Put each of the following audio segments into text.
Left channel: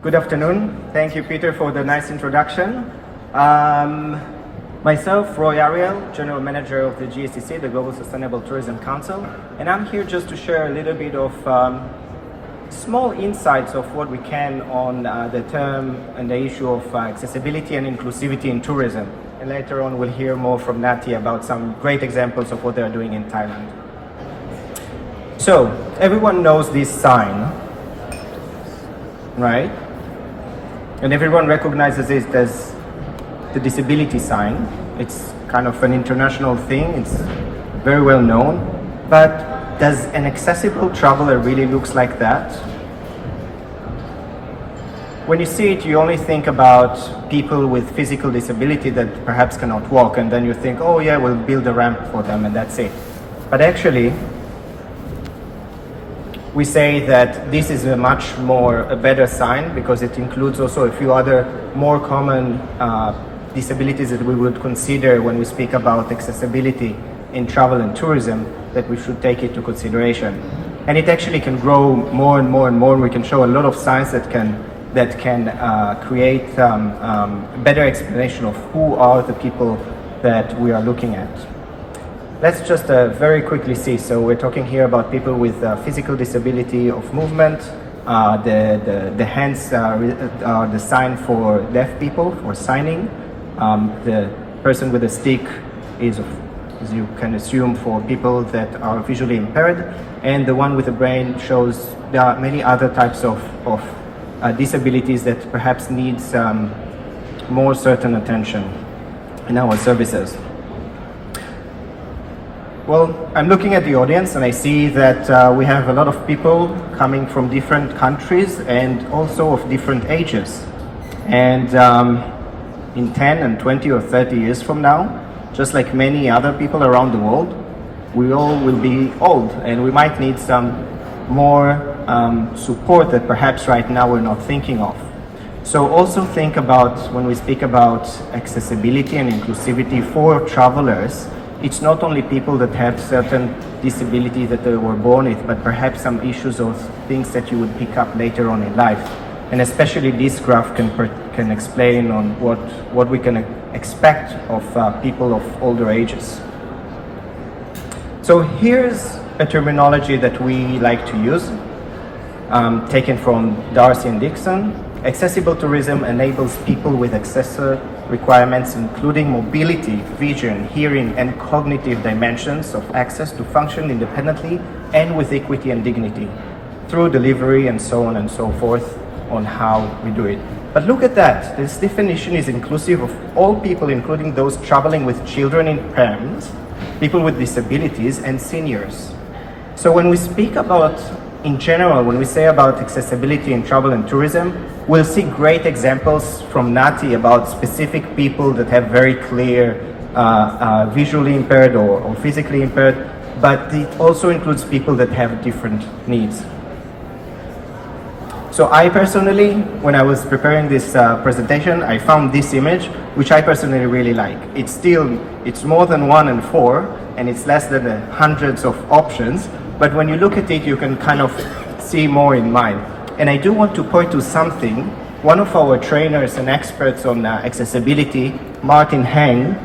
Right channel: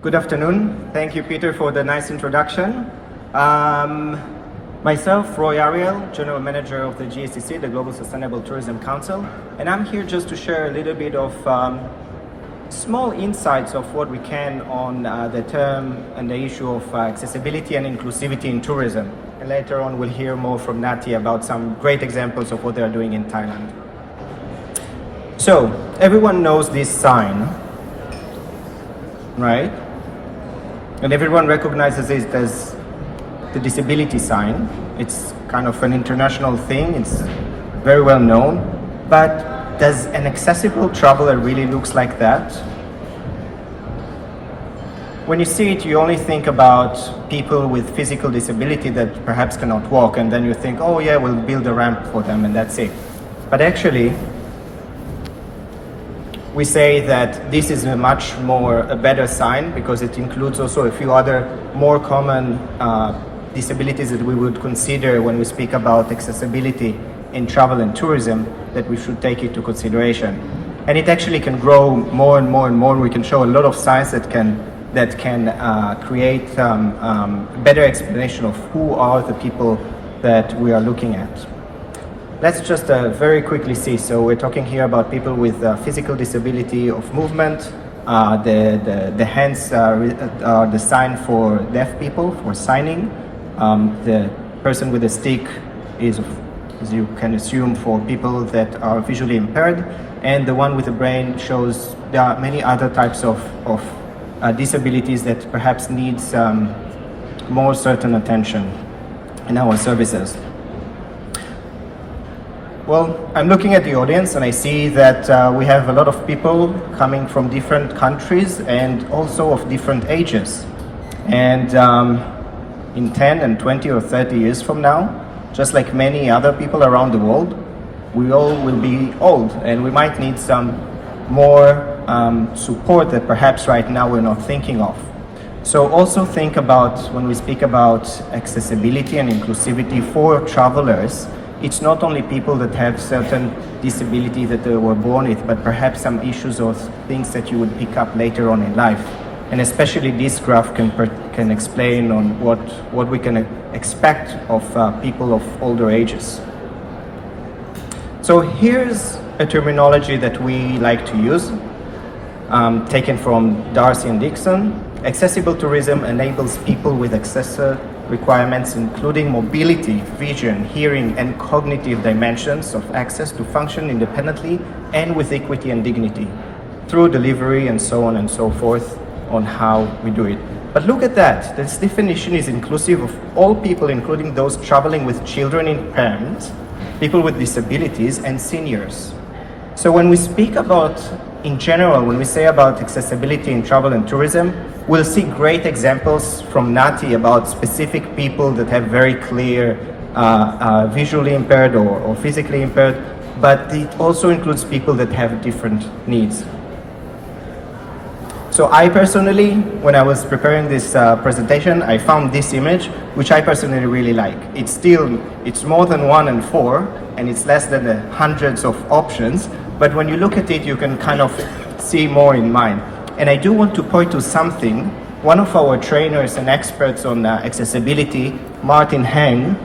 Good afternoon. Thank you, Peter, for the nice introduction. Myself, Ariel, General Manager of the GSTC, the Global Sustainable Tourism Council, and I'm here just to share a little bit of small insights of what we can on the term and the issue of accessibility and inclusivity in tourism. And later on, we'll hear more from Nutty about some great examples of what they're doing in Thailand. So, everyone knows this sign, right? And everyone recognizes it as the disability sign. It's kind of an international thing, it's very well known. But does an accessible traveler really looks like that? When you see it, you only think about people with physical disability that perhaps cannot walk, and then you think, oh yeah, we'll build a ramp for them and that's it. But actually, we say that this is a better sign because it includes also a few other more common disabilities that we would consider when we speak about accessibility in travel and tourism, that we should take into consideration. And it actually can grow more and more and more. We can show a lot of science that can create better explanation of who are the people that we are looking at. Let's just very quickly see. So we're talking here about people with physical disability of movement. The hands are the sign for deaf people, for signing. The person with a stick is, as you can assume, for people that are visually impaired. And the one with the brain shows there are many other types of disabilities that perhaps needs more certain attention in our services. Well, I'm looking at the audience and I see that we have a lot of people coming from different countries and also of different ages. And in 10 and 20 or 30 years from now, just like many other people around the world, we all will be old and we might need some more support that perhaps right now we're not thinking of. So also think about, when we speak about accessibility and inclusivity for travelers, it's not only people that have certain disability that they were born with, but perhaps some issues or things that you would pick up later on in life. And especially this graph can explain on what we can expect of people of older ages. So here's a terminology that we like to use, taken from Darcy and Dixon. Accessible tourism enables people with accessory requirements, including mobility, vision, hearing, and cognitive dimensions of access to function independently and with equity and dignity, through delivery and so on and so forth on how we do it. But look at that. This definition is inclusive of all people, including those traveling with children and parents, people with disabilities, and seniors. So when we speak about, in general, when we say about accessibility in travel and tourism, we'll see great examples from Nutty about specific people that have very clear visually impaired or physically impaired, but it also includes people that have different needs. So I personally, when I was preparing this presentation, I found this image, which I personally really like. It's more than 1 and 4, and it's less than hundreds of options, but when you look at it, you can kind of see more in mind. And I do want to point to something. One of our trainers and experts on accessibility, Martin Heng,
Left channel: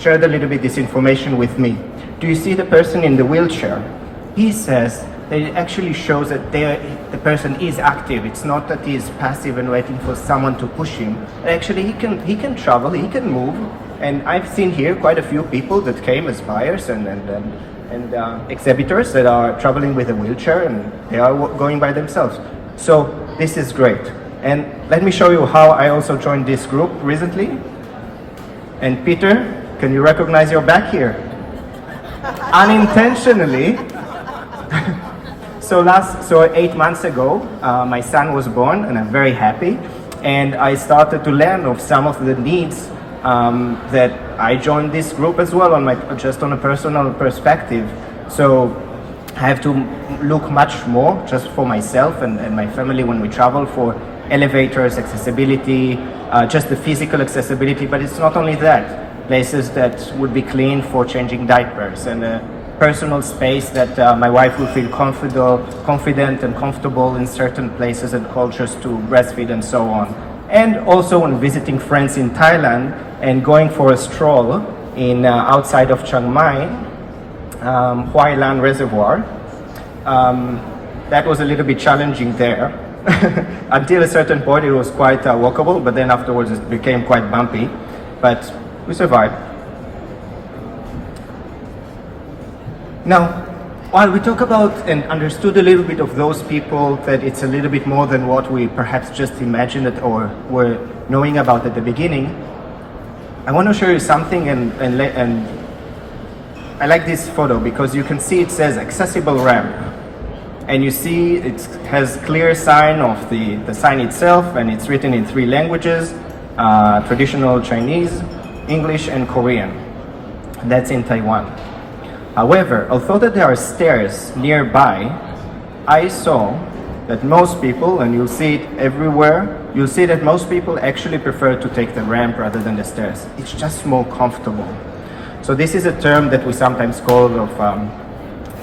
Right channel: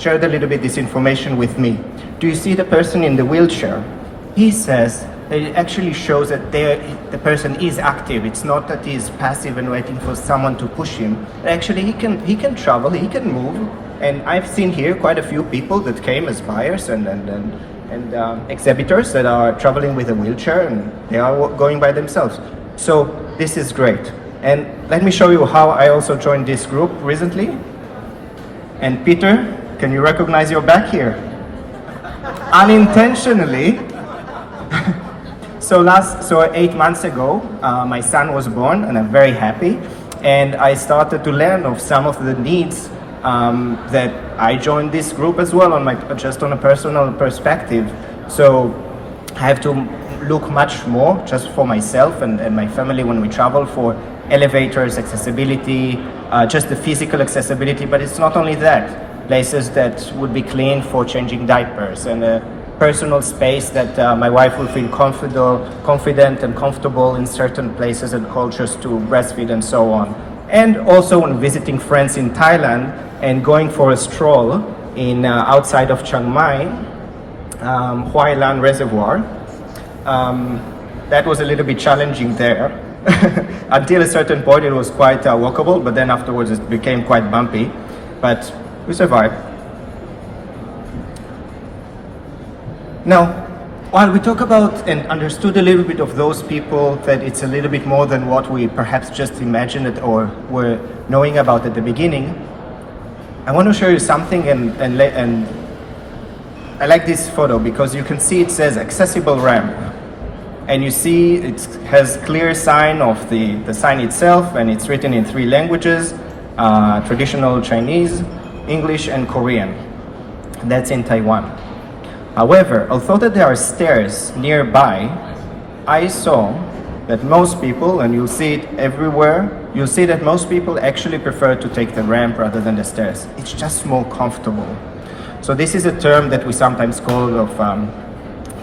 shared a little bit this information with me. Do you see the person in the wheelchair? He says that it actually shows that the person is active. It's not that he is passive and waiting for someone to push him. Actually, he can travel, he can move. And I've seen here quite a few people that came as buyers and exhibitors that are traveling with a wheelchair, and they are going by themselves. So this is great. And let me show you how I also joined this group recently. And Peter, can you recognize your back here? Unintentionally. So 8 months ago, my son was born, and I'm very happy. And I started to learn of some of the needs that I joined this group as well, just on a personal perspective. So I have to look much more just for myself and my family when we travel, for elevators, accessibility, just the physical accessibility. But it's not only that. Places that would be clean for changing diapers, and personal space that my wife will feel confident and comfortable in certain places and cultures to breastfeed and so on. And also when visiting friends in Thailand and going for a stroll in outside of Chiang Mai, 𝙎𝙪𝙨𝙩𝙖𝙞𝙣 Reservoir, that was a little bit challenging there. Until a certain point it was quite walkable, but then afterwards it became quite bumpy, but we survived. Now, while we talk about and understood a little bit of those people, that it's a little bit more than what we perhaps just imagined it or were knowing about at the beginning, I want to show you something, and I like this photo because you can see it says accessible ramp. And you see it has clear sign of the sign itself, and it's written in 3 languages, traditional Chinese, English, and Korean. And that's in Taiwan. However, although that there are stairs nearby, I saw that most people, and you'll see it everywhere, you'll see that most people actually prefer to take the ramp rather than the stairs. It's just more comfortable. So this is a term that we sometimes call of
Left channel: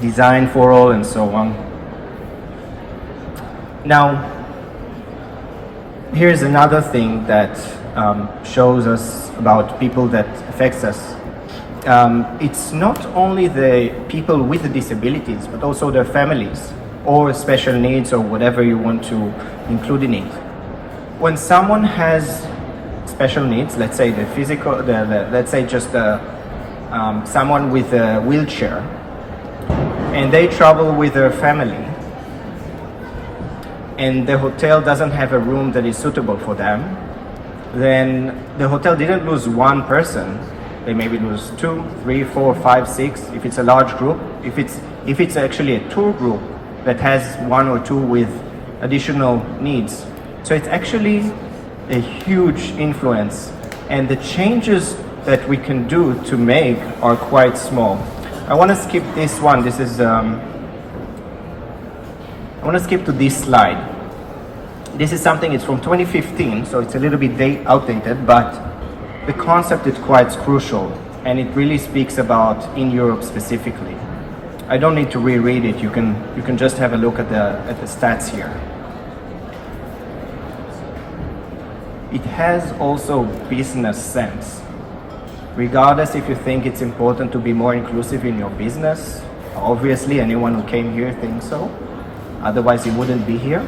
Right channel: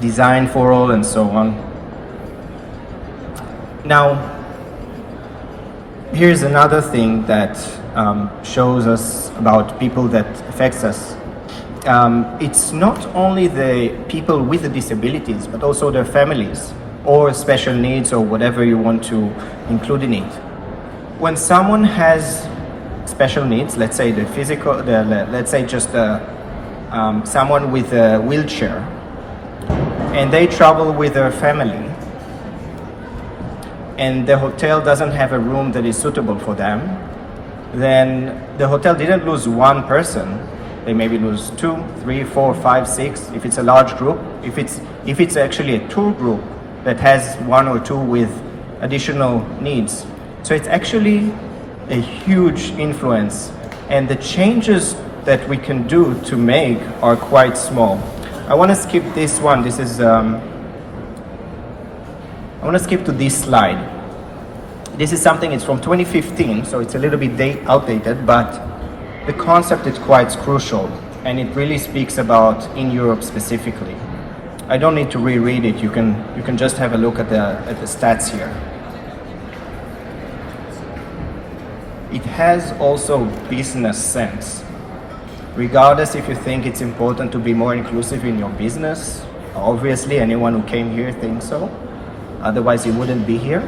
design for all and so on. Now, here's another thing that shows us about people that affects us. It's not only the people with the disabilities, but also their families or special needs or whatever you want to include in it. When someone has special needs, let's say the physical, let's say just someone with a wheelchair, and they travel with their family, and the hotel doesn't have a room that is suitable for them, then the hotel didn't lose one person. They maybe lose 2, 3, 4, 5, 6, if it's a large group. If it's actually a tour group that has 1 or 2 with additional needs. So it's actually a huge influence, and the changes that we can do to make are quite small. I want to skip this one. This is I want to skip to this slide. This is something, it's from 2015, so it's a little bit outdated, but the concept is quite crucial, and it really speaks about in Europe specifically. I don't need to reread it. You can just have a look at the stats here. It has also business sense. Regardless if you think it's important to be more inclusive in your business, obviously anyone who came here thinks so. Otherwise you wouldn't be here.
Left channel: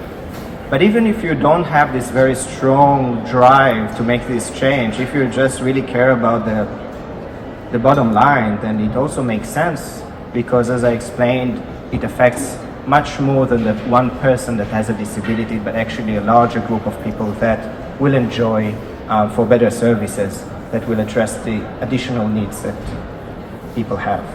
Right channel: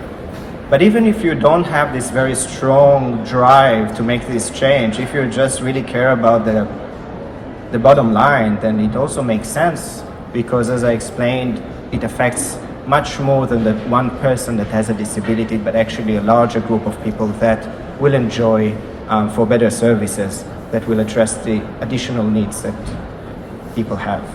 But even if you don't have this very strong drive to make this change, if you just really care about the bottom line, then it also makes sense, because as I explained, it affects much more than the one person that has a disability, but actually a larger group of people that will enjoy for better services that will address the additional needs that people have.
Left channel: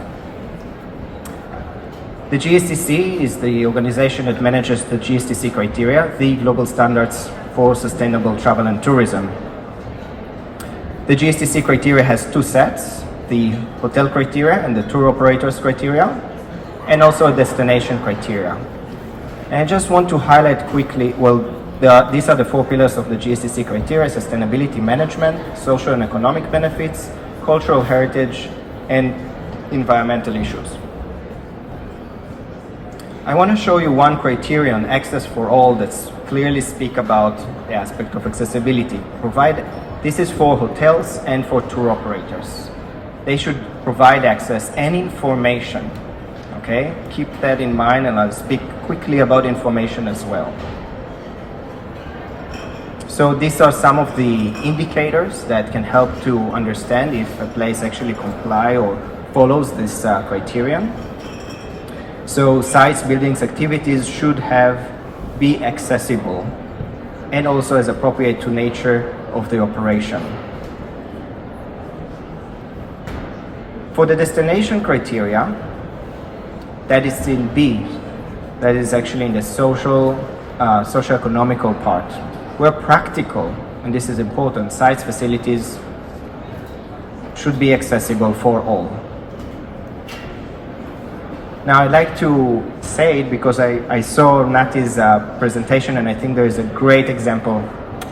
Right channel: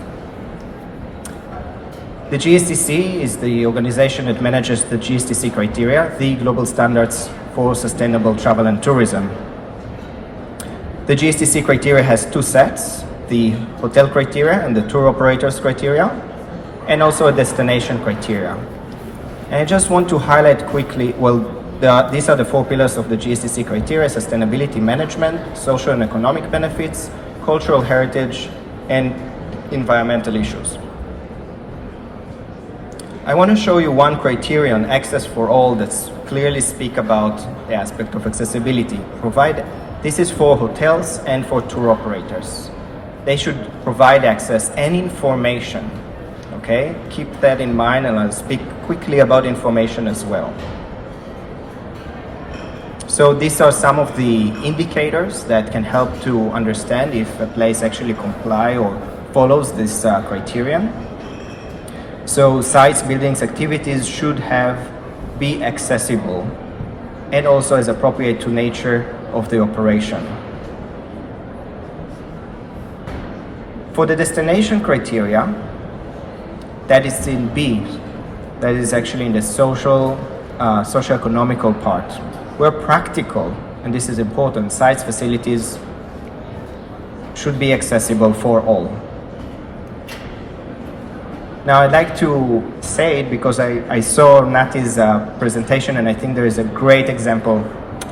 The GSTC is the organization that manages the GSTC criteria, the global standards for sustainable travel and tourism. The GSTC criteria has 2 sets, the hotel criteria and the tour operators criteria, and also a destination criteria. And I just want to highlight quickly, these are the 4 pillars of the GSTC criteria: sustainability management, social and economic benefits, cultural heritage, and environmental issues. I want to show you one criterion, access for all, that's clearly speak about the aspect of accessibility. This is for hotels and for tour operators. They should provide access and information. Okay, keep that in mind, and I'll speak quickly about information as well. So these are some of the indicators that can help to understand if a place actually complies or follows this criterion. So sites, buildings, activities should be accessible and also as appropriate to nature of the operation. For the destination criteria, that is in B, that is actually in the socio-economical part. Where practical, and this is important, sites, facilities should be accessible for all. Now I'd like to say it because I saw Nutty's presentation, and I think there is a great example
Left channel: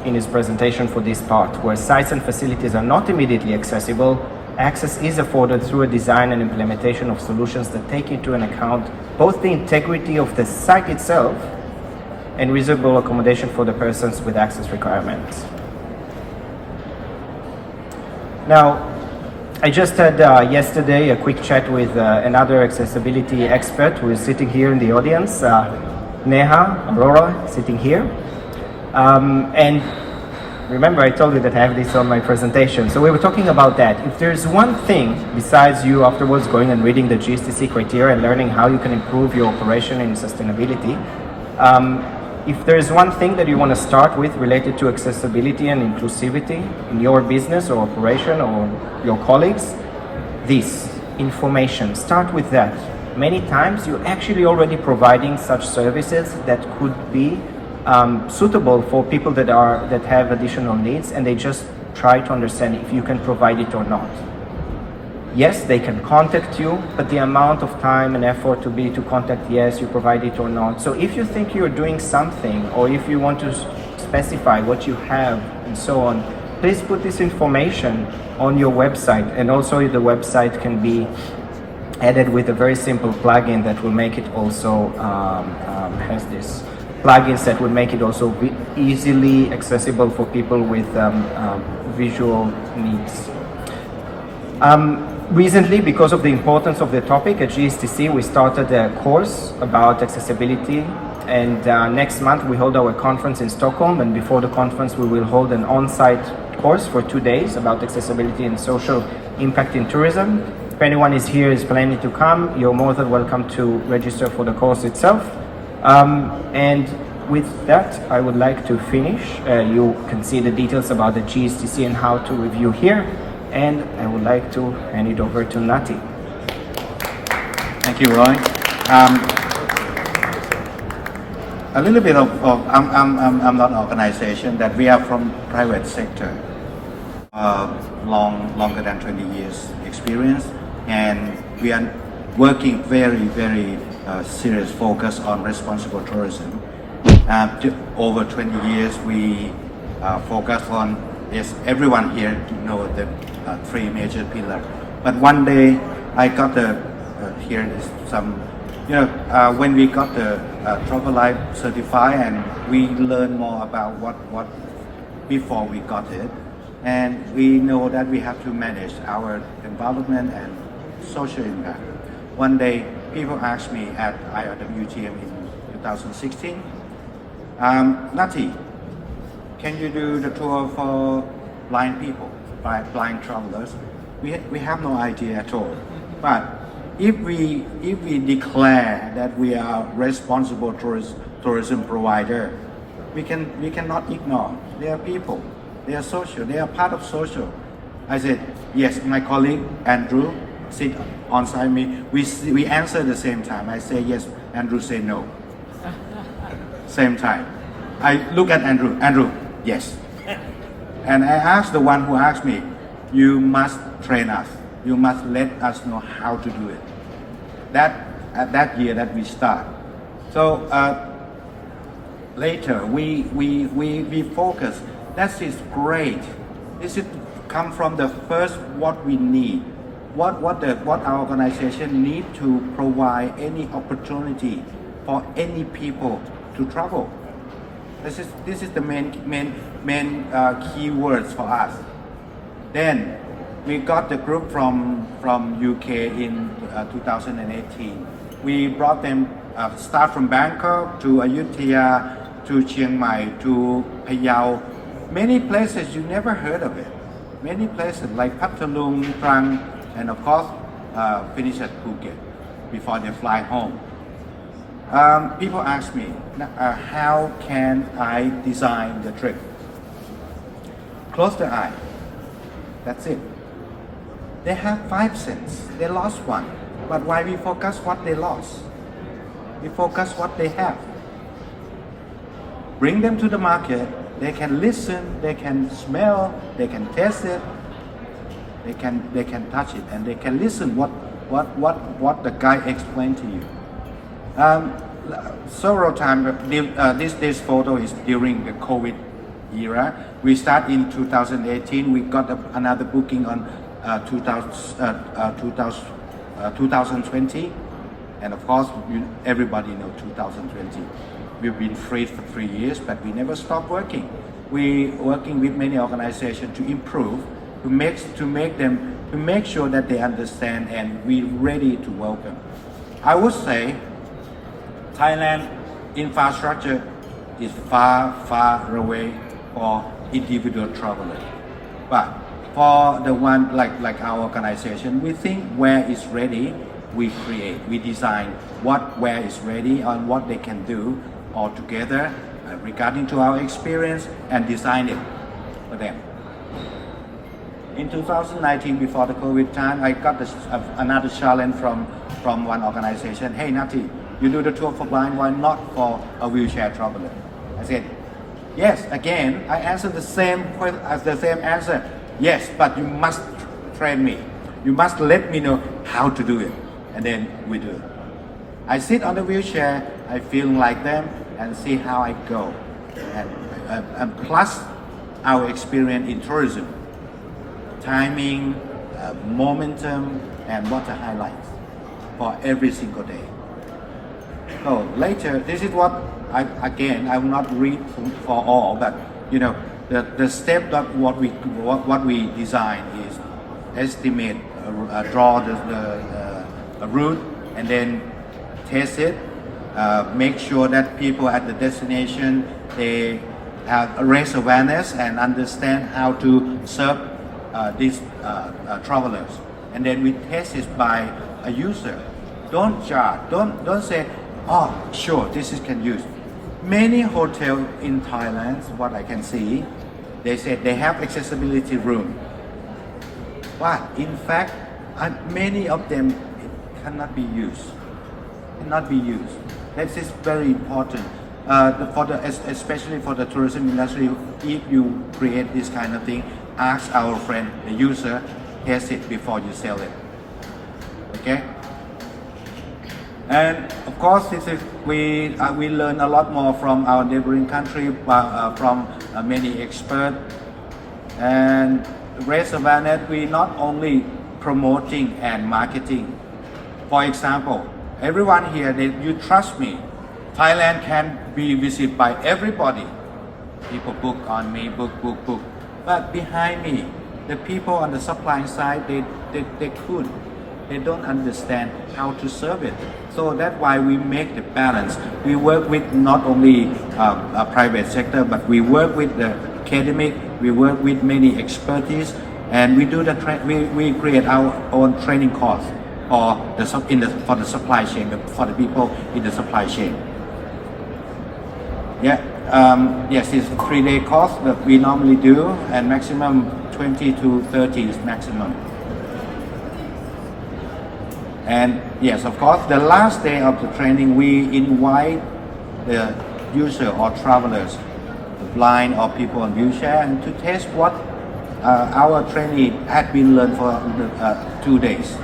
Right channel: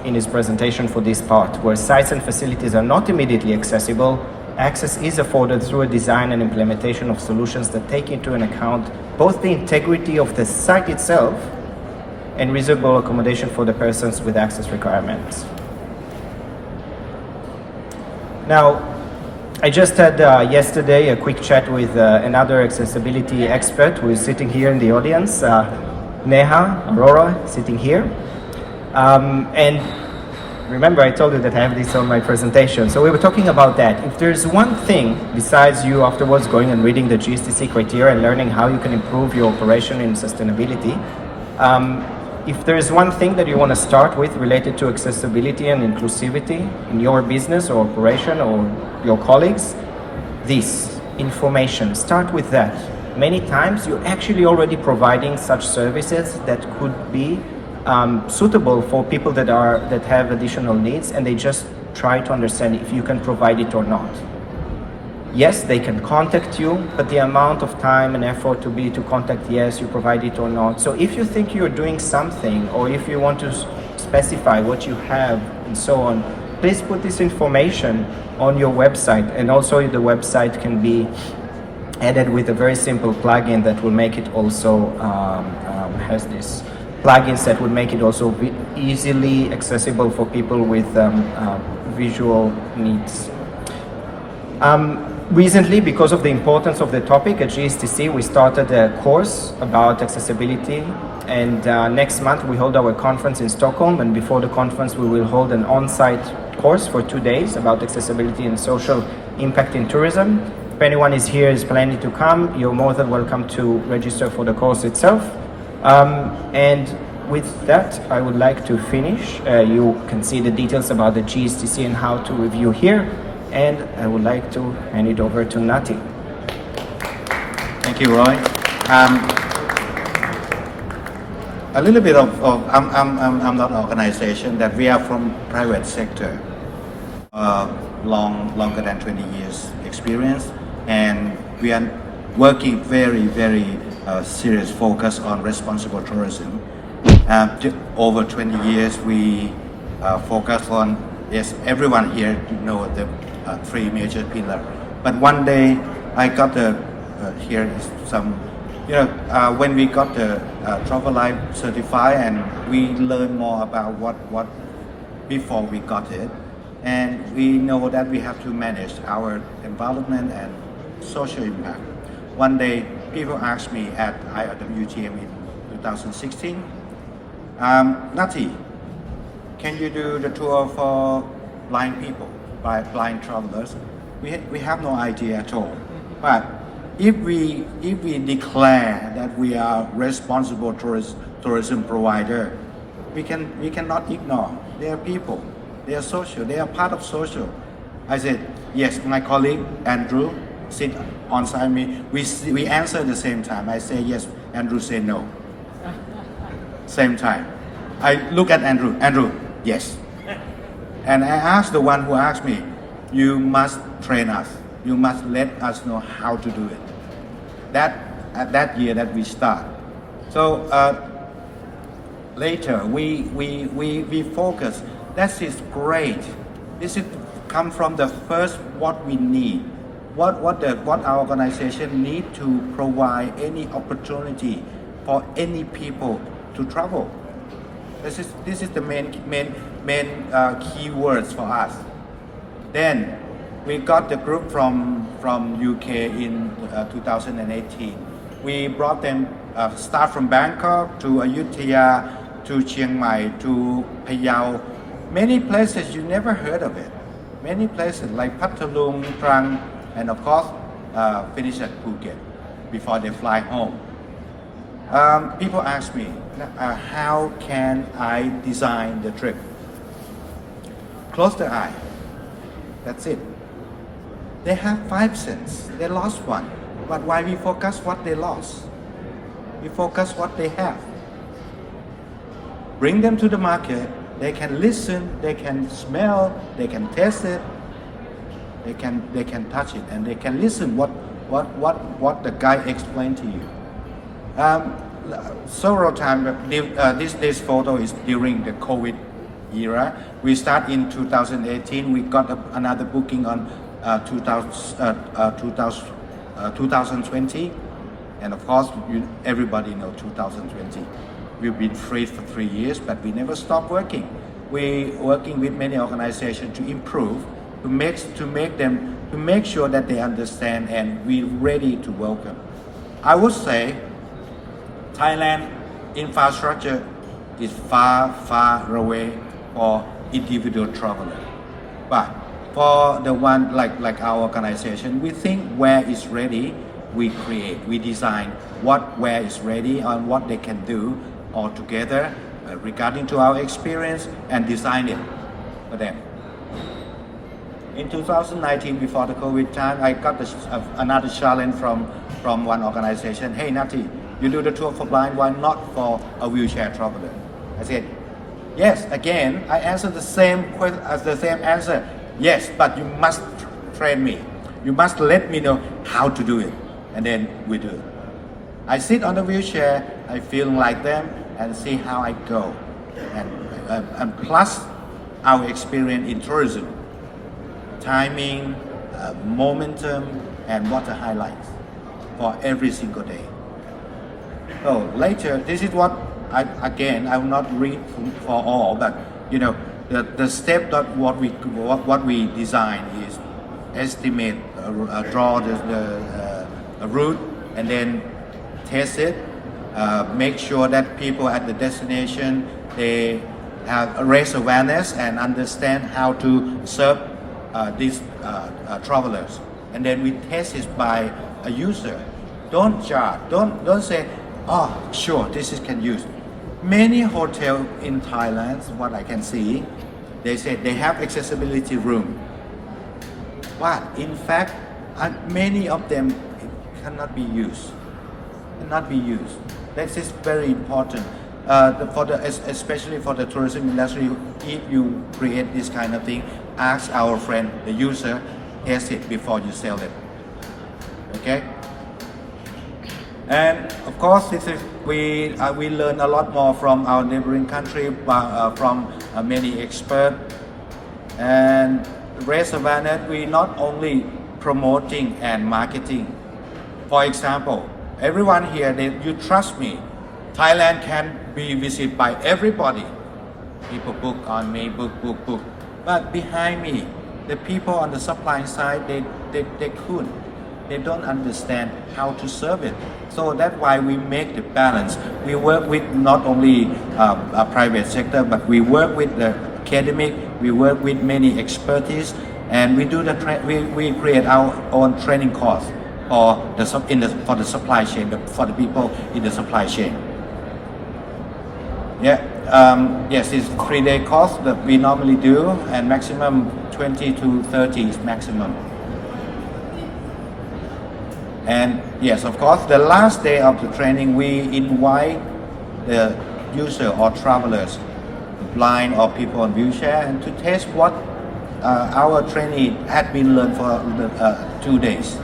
in his presentation for this part, where sites and facilities are not immediately accessible access is afforded through a design and implementation of solutions that take into account both the integrity of the site itself and reasonable accommodation for the persons with access requirements. Now, I just had yesterday a quick chat with another accessibility expert who is sitting here in the audience, 𝙎𝙪𝙨𝙗𝙚𝙗, sitting here. And remember, I told you that I have this on my presentation. So we were talking about that. If there's one thing, besides you afterwards going and reading the GSTC criteria and learning how you can improve your operation in sustainability, if there's one thing that you want to start with related to accessibility and inclusivity in your business or operation or your colleagues, this information, start with that. Many times you're actually already providing such services that could be suitable for people that have additional needs, and they just try to understand if you can provide it or not. Yes, they can contact you, but the amount of time and effort to contact, yes, you provide it or not. So if you think you're doing something, or if you want to specify what you have and so on, please put this information on your website. And also the website can be added with a very simple plugin that will make it also has this plugins that would make it also easily accessible for people with visual needs. Recently, because of the importance of the topic at GSTC, we started a course about accessibility, and next month we hold our conference in Stockholm, and before the conference we will hold an on-site course for 2 days about accessibility and social impact in tourism. If anyone is planning to come, you're more than welcome to register for the course itself. And with that, I would like to finish. You can see the details about the GSTC and how to review here. And I would like to hand it over to Nutty. Thank you, Roy. A little bit of I'm not an organization that we are from private sector. Longer than 20 years experience, and we are working very serious focus on responsible tourism. Over 20 years, we focus on, yes, everyone here know the 3 major pillars. But one day, I got here is some, when we got the Travel Life certified, and we learned more about what before we got it, and we know that we have to manage our environment and social impact. One day, people asked me at IWTM in 2016, Nutty, can you do the tour for blind people, blind travelers? We have no idea at all. But if we declare that we are responsible tourism provider, we cannot ignore. They are people. They are social. They are part of social. I said, yes, my colleague Andrew sit on side me. We answer the same time. I say yes, Andrew say no. Same time. I look at Andrew, yes. And I asked the one who asked me, you must train us. You must let us know how to do it. At that year that we start. So later we focus. That is great. This is come from the first what we need. What our organization need to provide any opportunity for any people to travel. This is the main key words for us. Then we got the group from UK in 2018. We brought them start from Bangkok to Ayutthaya to Chiang Mai to Phayao. Many places you never heard of it. Many places like Pathalung, Trang, and of course finish at Phuket before they fly home. People ask me, how can I design the trip? Close the eye. That's it. They have 5 cents. They lost one. But why we focus what they lost? We focus what they have. Bring them to the market. They can listen, they can smell, they can taste it, they can touch it, and they can listen what the guy explained to you. Several times, this photo is during the COVID era. We start in 2018. We got another booking on 2020, and of course everybody knows 2020. We've been freed for 3 years, but we never stop working. We working with many organizations to improve, to make sure that they understand and we're ready to welcome. I would say Thailand infrastructure is far away for individual travelers. But for the one like our organization, we think where it's ready, we create, we design where is ready and what they can do all together regarding to our experience and design it for them. In 2019, before the COVID time, I got another challenge from one organization. Hey Nutty, you do the tour for blind, why not for a wheelchair traveler? I said, yes. Again, I answered the same answer. Yes, but you must train me. You must let me know how to do it, and then we do it. I sit on the wheelchair, I feel like them, and see how I go. And plus our experience in tourism, timing, momentum, and water highlights for every single day. So later, this is what I will not read for all, but the step that what we design is estimate, draw the route, and then test it. Make sure that people at the destination they raise awareness and understand how to serve these travelers, and then we test it by a user. Don't judge. Don't say, oh, sure, this is can use. Many hotels in Thailand, what I can see, they say they have accessibility room, but in fact, many of them cannot be used. This is very important. Especially for the tourism industry, if you create this kind of thing, ask our friend, the user, test it before you sell it. Okay? And of course, we learn a lot more from our neighboring country, from many experts. And raise awareness, we not only promoting and marketing. For example, everyone here, you trust me, Thailand can be visited by everybody. People book on me, book. But behind me, the people on the supply side, they don't understand how to serve it. So that's why we make the balance. We work with not only a private sector, but we work with the academic, we work with many expertise, and we do we create our own training course for the supply chain, for the people in the supply chain. Yes, it's 3-day course that we normally do, and maximum 20 to 30 is maximum. And yes, of course, the last day of the training, we invite the user or travelers, blind or people in wheelchair, and to test what our trainee had been learned for 2 days.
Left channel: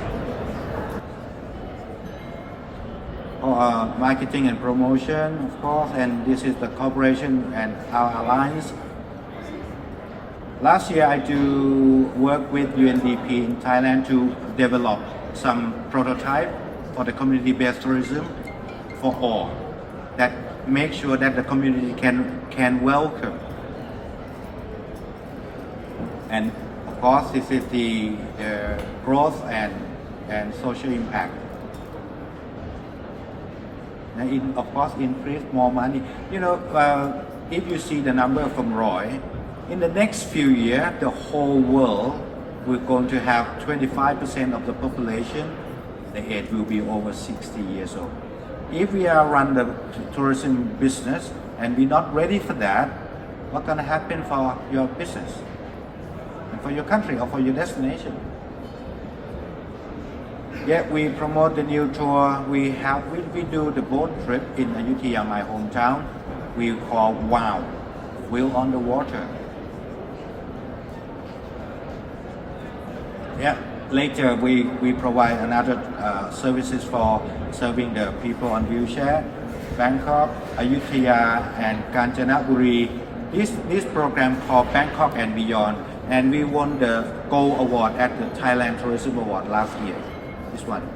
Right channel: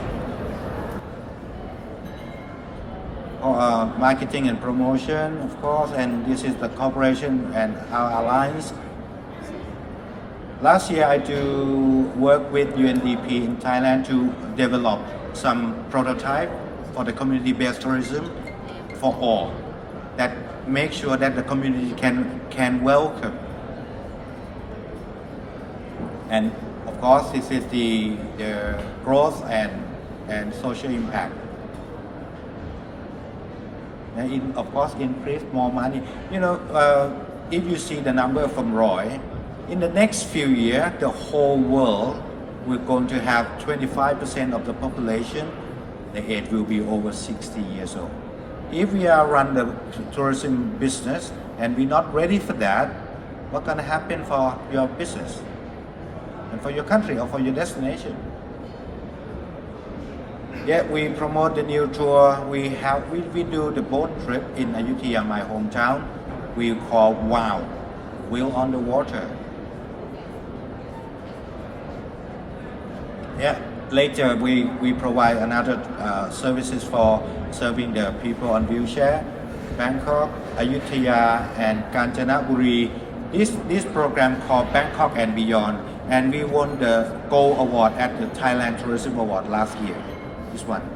Marketing and promotion, of course, and this is the cooperation and our alliance. Last year, I do work with UNDP in Thailand to develop some prototype for the community-based tourism for all, that make sure that the community can welcome. And of course, this is the growth and social impact. And of course, increase more money. If you see the number from Roy, in the next few years, the whole world we're going to have 25% of the population, the age will be over 60 years old. If we are run the tourism business and we're not ready for that, what's going to happen for your business and for your country or for your destination? Yeah, we promote the new tour. We do the boat trip in Ayutthaya, my hometown. We call WOW, Wheel on the Water. Yeah, later we provide another services for serving the people on wheelchair. Bangkok, Ayutthaya, and Kanchanaburi. This program called Bangkok and Beyond and we won the Gold Award at the Thailand Tourism Award last year. This one.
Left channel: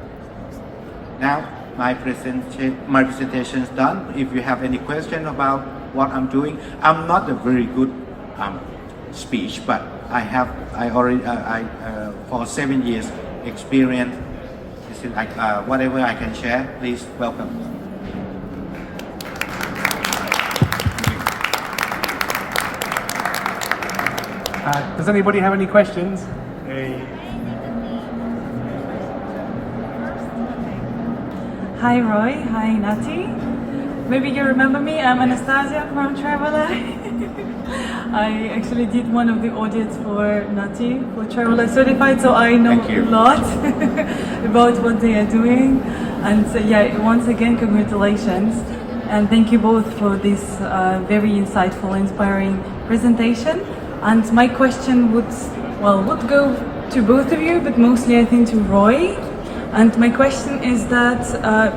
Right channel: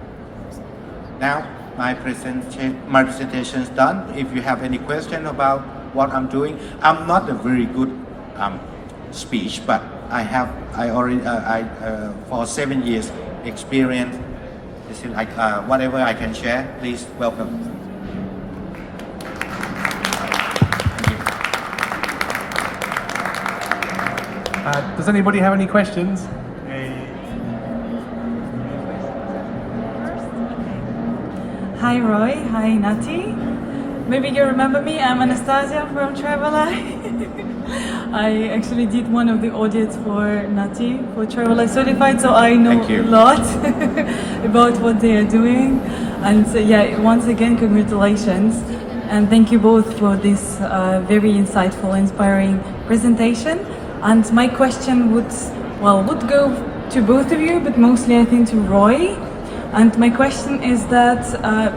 Now my presentation is done. If you have any question about what I'm doing, I'm not a very good speech, but I already for 7 years experience. This is like whatever I can share. Please welcome. Does anybody have any questions? Hi Roy, hi Nutty. Maybe you remember me, I'm Anastasia from 𝑩𝒆𝒊𝒏. I actually did one of the audits for Nutty, for 𝙎𝙪𝙨𝙩𝙖𝙞𝙣, so I know a lot about what they are doing. And so, yeah, once again, congratulations. And thank you both for this very insightful, inspiring presentation. And my question would go to both of you, but mostly I think to Roy. And my question is that,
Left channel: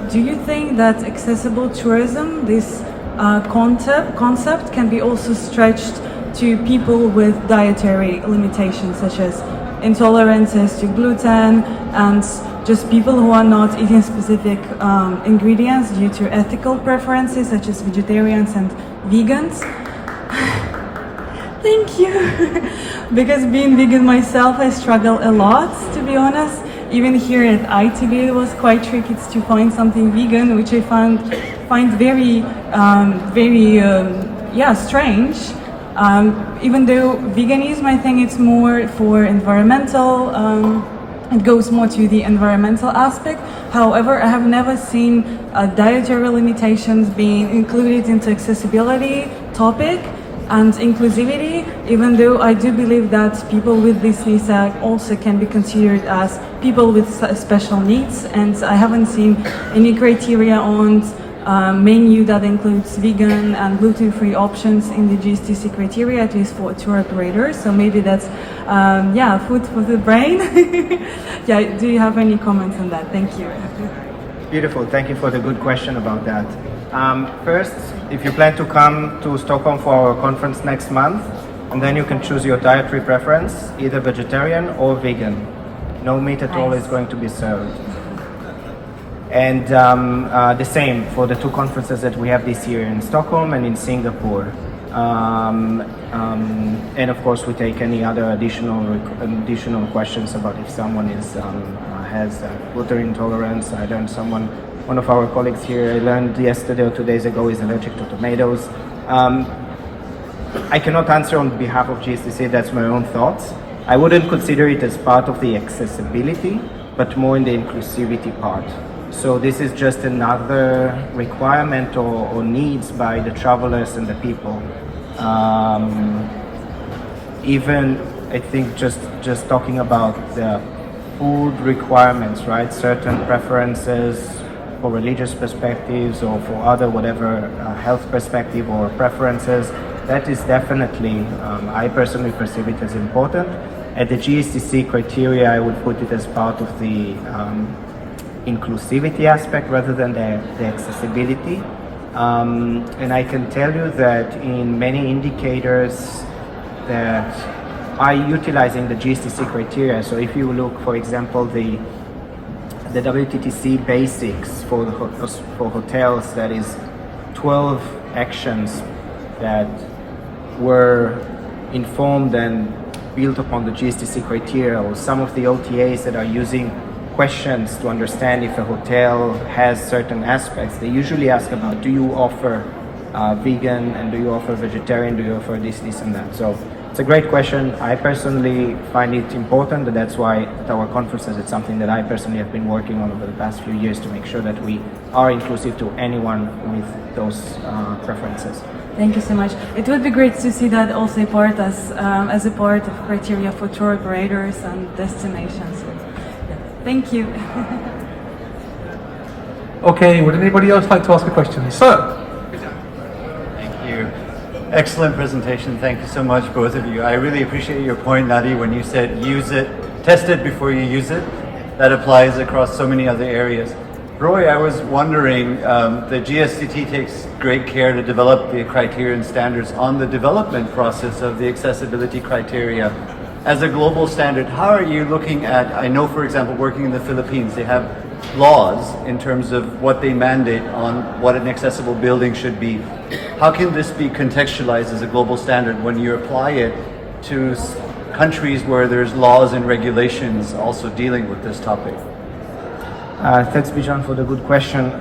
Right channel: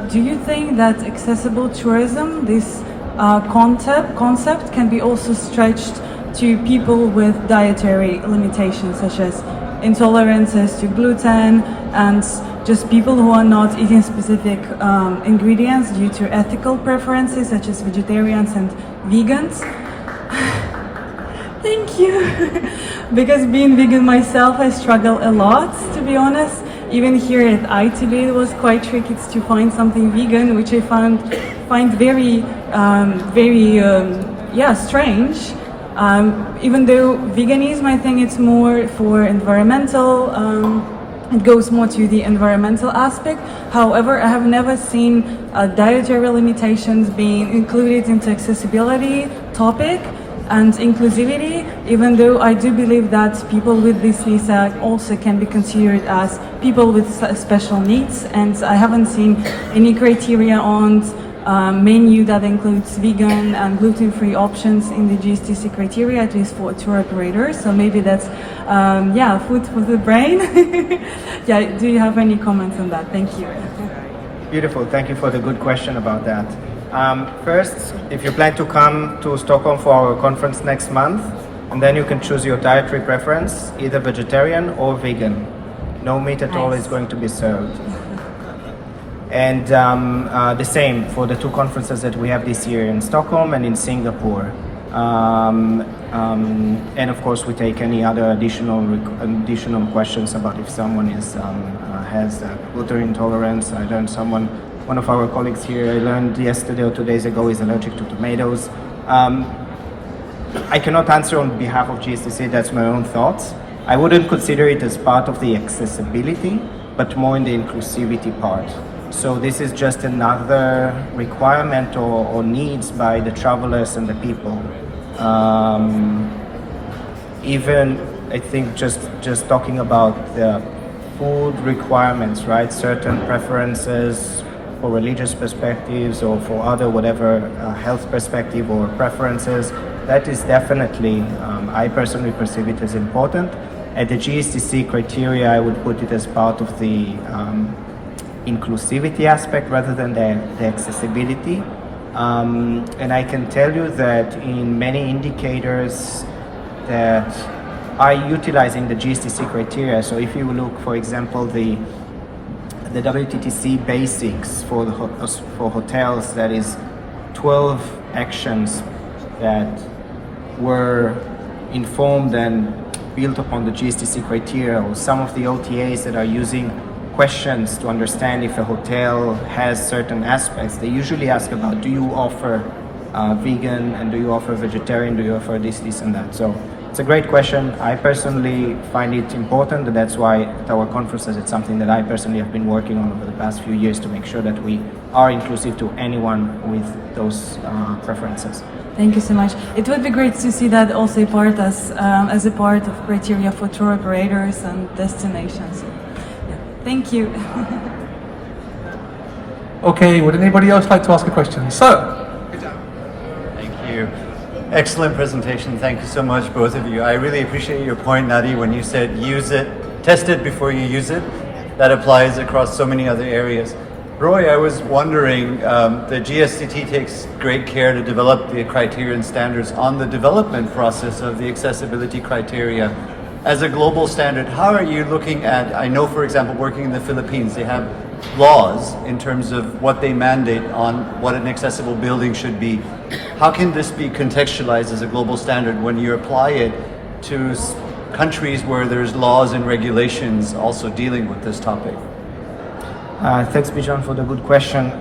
do you think that accessible tourism, this concept can be also stretched to people with dietary limitations, such as intolerances to gluten, and just people who are not eating specific ingredients due to ethical preferences, such as vegetarians and vegans? Thank you. Because being vegan myself, I struggle a lot, to be honest. Even here at 𝑖TB, it was quite tricky to find something vegan, which I find very strange. Even though veganism, I think it's more for environmental, it goes more to the environmental aspect. However, I have never seen dietary limitations being included into accessibility topic and inclusivity, even though I do believe that people with this visa also can be considered as people with special needs, and I haven't seen any criteria on menu that includes vegan and gluten-free options in the GSTC criteria, at least for tour operators. So maybe that's food for the brain. Yeah, do you have any comments on that? Thank you. Beautiful. Thank you for the good question about that. First, if you plan to come to Stockholm for our conference next month, and then you can choose your dietary preference, either vegetarian or vegan. No meat at all is going to be served. And the same for the two conferences that we have this year in Stockholm and in Singapore. And of course, we take any other additional questions about if someone has gluten intolerance. I learned one of our colleagues here, I learned yesterday or 2 days ago, is allergic to tomatoes. I cannot answer on behalf of GSTC, that's my own thoughts. I wouldn't consider it as part of the accessibility, but more in the inclusivity part. So this is just another requirement or needs by the travelers and the people. Even, I think, just talking about the food requirements, right? Certain preferences for religious perspectives or for other whatever health perspective or preferences, that is definitely, I personally perceive it as important. At the GSTC criteria, I would put it as part of the inclusivity aspect rather than the accessibility. And I can tell you that in many indicators that are utilizing the GSTC criteria, so if you look, for example, the WTTC basics for hotels, that is 12 actions that were informed and built upon the GSTC criteria, or some of the OTAs that are using questions to understand if a hotel has certain aspects. They usually ask about, do you offer vegan, and do you offer vegetarian, do you offer this and that. So it's a great question. I personally find it important, and that's why at our conferences it's something that I personally have been working on over the past few years to make sure that we are inclusive to anyone with those preferences. Thank you so much. It would be great to see that also as a part of criteria for tour operators and destinations. Yeah. Thank you. Okay, would anybody else like to ask a question? Sir? Thank you. Excellent presentation. Thank you so much, both of you. I really appreciate your point, Nutty, when you said use it, test it before you use it. That applies across so many other areas. Roy, I was wondering, the GSTT takes great care to develop the criteria and standards on the development process of the accessibility criteria. as a global standard, how are you looking at, I know for example working in the Philippines, they have laws in terms of what they mandate on what an accessible building should be. How can this be contextualized as a global standard when you apply it to countries where there's laws and regulations also dealing with this topic? Thanks, Bijan, for the good question.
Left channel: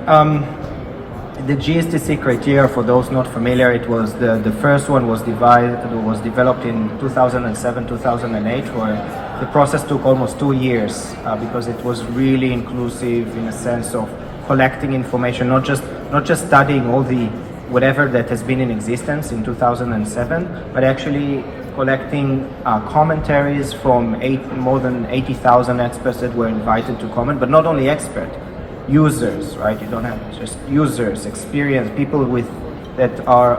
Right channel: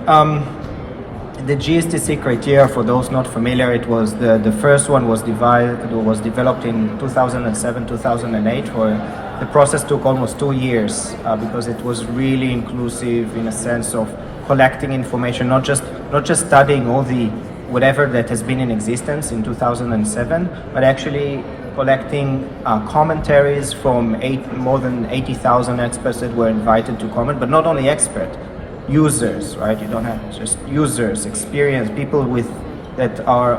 The GSTC criteria, for those not familiar, it was the first one was developed in 2007, 2008, where the process took almost 2 years because it was really inclusive in a sense of collecting information, not just studying all the whatever that has been in existence in 2007, but actually collecting commentaries from more than 80,000 experts that were invited to comment, but not only experts, users, right? You don't have just users, experienced people that are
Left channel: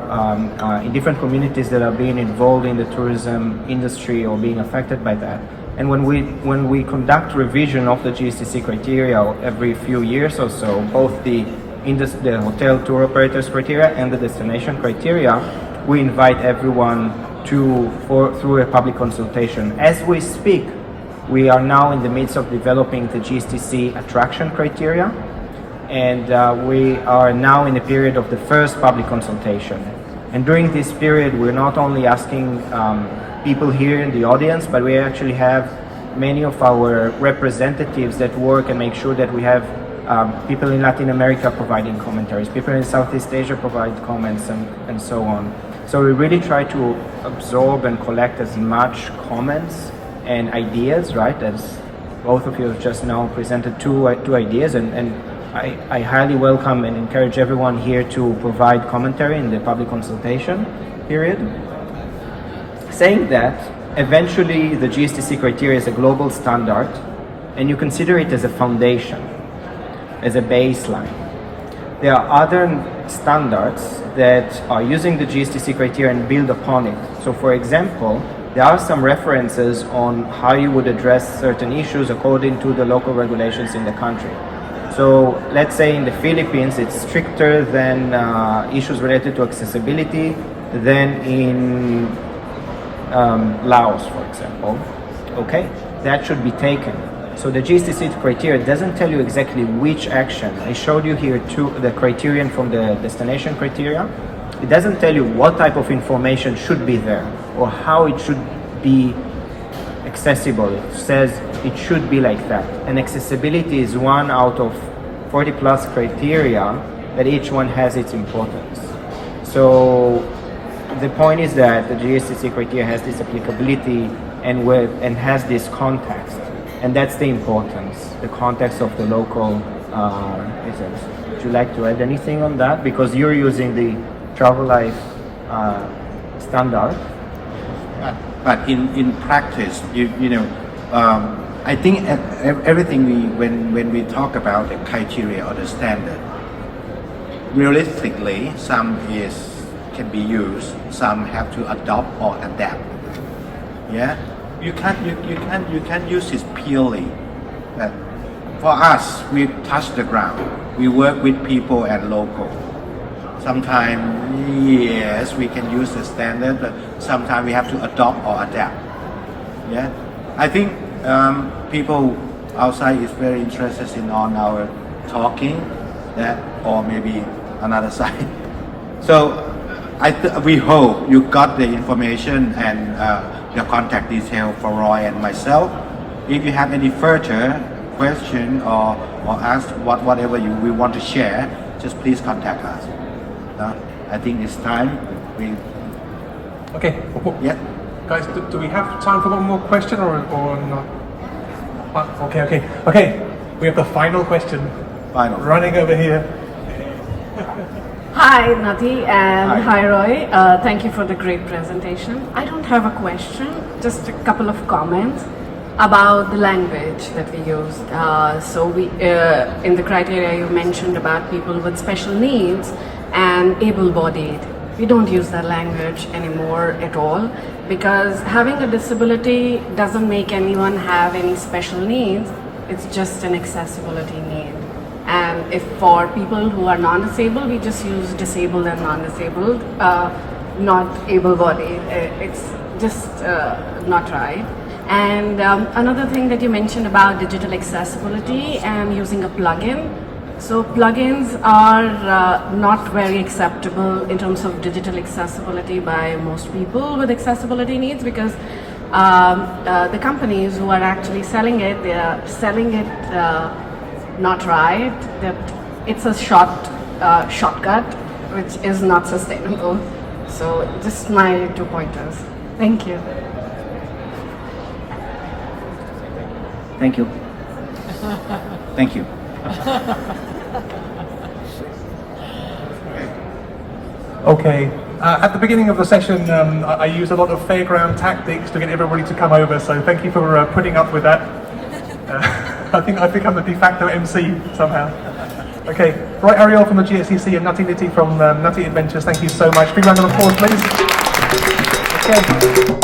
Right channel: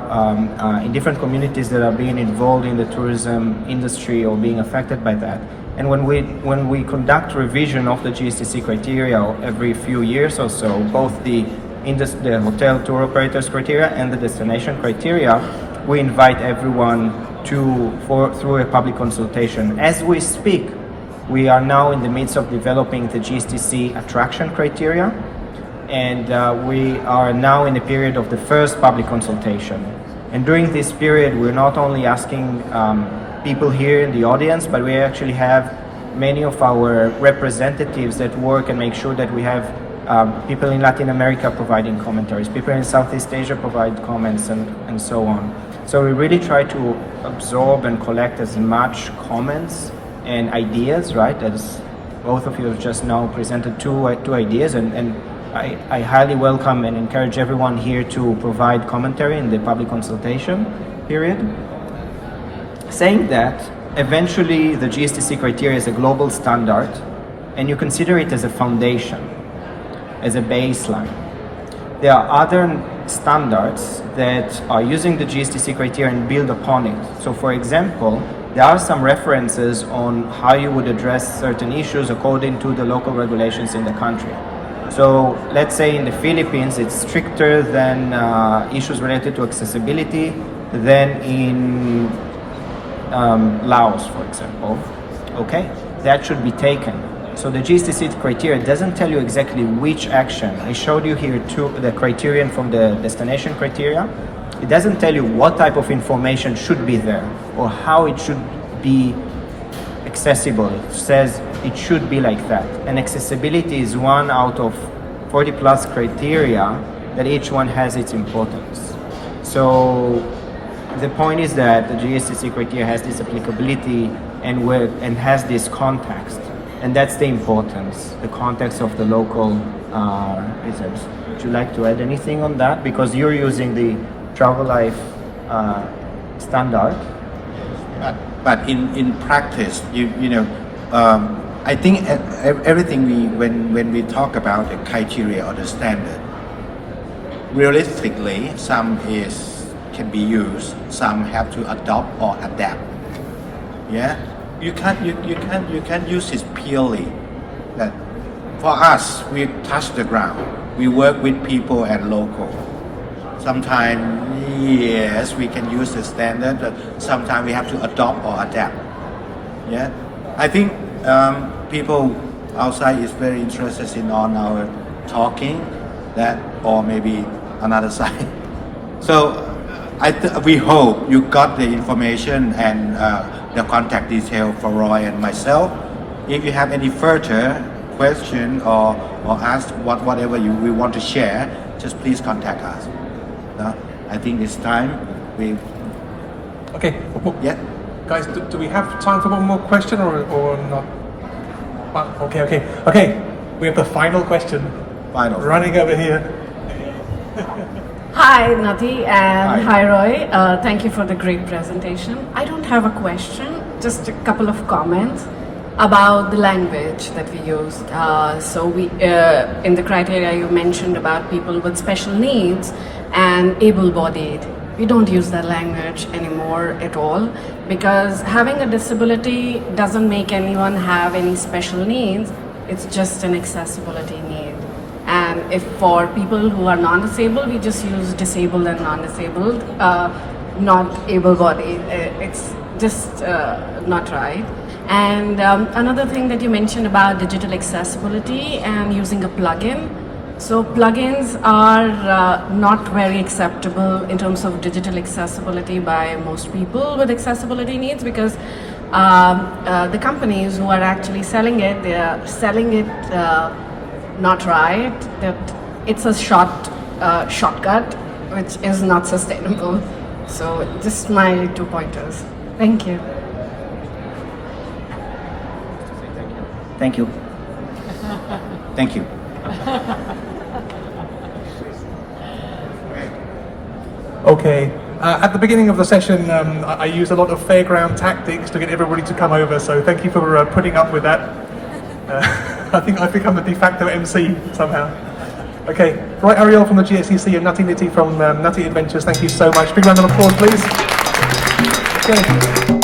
in different communities that are being involved in the tourism industry or being affected by that. And when we conduct revision of the GSTC criteria every few years or so, both the hotel tour operators criteria and the destination criteria, we invite everyone through a public consultation. As we speak, we are now in the midst of developing the GSTC attraction criteria, and we are now in the period of the first public consultation. And during this period, we're not only asking people here in the audience, but we actually have many of our representatives that work and make sure that we have people in Latin America providing commentaries, people in Southeast Asia provide comments, and so on. So we really try to absorb and collect as much comments and ideas, right? As both of you have just now presented two ideas, and I highly welcome and encourage everyone here to provide commentary in the public consultation period. Saying that, eventually the GSTC criteria is a global standard, and you consider it as a foundation, as a baseline. There are other standards that are using the GSTC criteria and build upon it. So for example, there are some references on how you would address certain issues according to the local regulations in the country. So let's say in the Philippines, it's stricter than issues related to accessibility than in Laos, for example. Okay, that should be taken. So the GSTC criteria doesn't tell you exactly which action. I showed you here the criterion from the destination criteria. It doesn't tell you what type of information should be there or how it should be accessible. It says it should be like that. And accessibility is one out of 40 plus criteria that each one has its importance. So the point is that the GSTC criteria has this applicability and has this context. And that's the importance, the context of the local results. Would you like to add anything on that? Because you're using the Travel Life standard. But in practice, I think everything when we talk about the criteria or the standard, realistically, some can be used, some have to adopt or adapt. Yeah, you can't use it purely. That for us, we touch the ground. We work with people and local. Sometimes, yes, we can use the standard, but sometimes we have to adopt or adapt. Yeah, I think people outside is very interested in on our talking, that or maybe another side. So we hope you got the information and the contact detail for Roy and myself. If you have any further question or ask whatever we want to share, just please contact us. I think it's time we. Okay. Yeah. Guys, do we have time for one more question or not? Oh, okay. We have the final question. Final. Running over here. Hi, Nutty, and hi, Roy. Thank you for the great presentation. I don't have a question, just a couple of comments about the language that we used. So we, in the criteria you mentioned about people with special needs and able-bodied. We don't use that language anymore at all, because having a disability doesn't make anyone have any special needs. It's just an accessibility need. And if for people who are non-disabled, we just use disabled and non-disabled, not able-bodied. just not right. And another thing that you mentioned about digital accessibility and using a plugin. So plugins are not very acceptable in terms of digital accessibility by most people with accessibility needs, because the companies who are actually selling it, they are selling it not right, that it's a shortcut which is not sustainable. So just my 2 pointers. Thank you. Thank you. Thank you. Okay. At the beginning of the session, I used a lot of fairground tactics to get everybody to come over, so thank you for putting up with that. I think I've become the de facto MC somehow. Okay, right, Ariel from the GSTC and Nithi from Nutty Adventures, thank you so much. Big round of applause, please. Okay.